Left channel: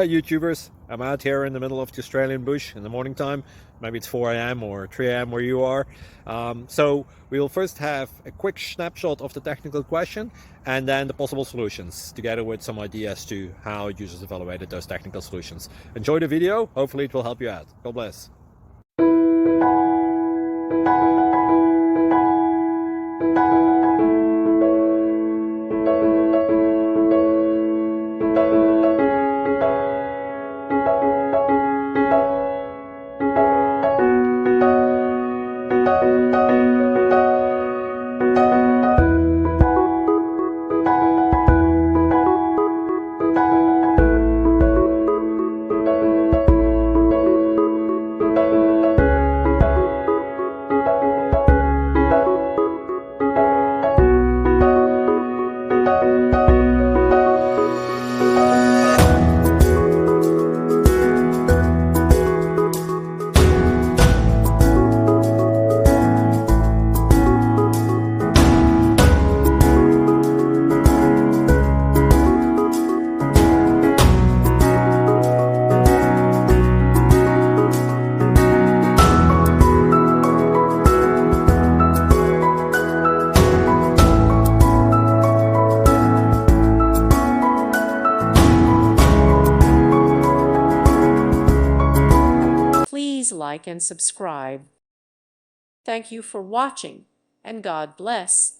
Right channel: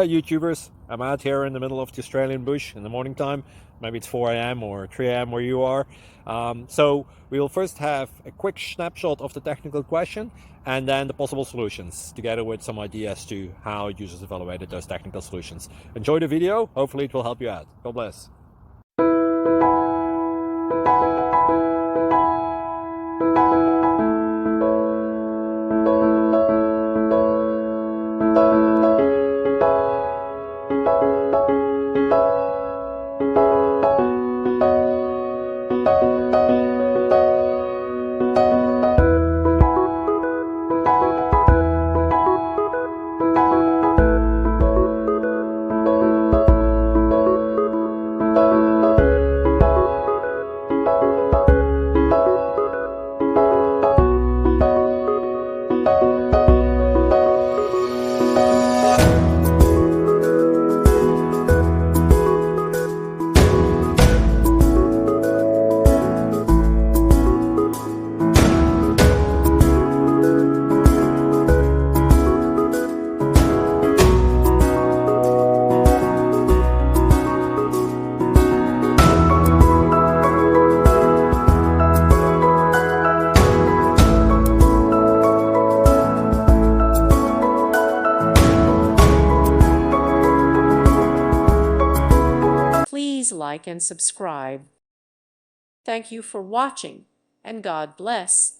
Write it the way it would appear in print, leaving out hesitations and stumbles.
Hi YouTubers, I'm out here in the middle of the Australian bush in the morning time. Maybe it's 4 a.m. or 3 a.m. where you are. So we'll first have a quick snapshot of the technical question and then the possible solutions, together with some ideas to how users evaluated those technical solutions. Enjoy the video, hopefully it will help you out. God bless. Please like and subscribe. Thank you for watching, and God bless.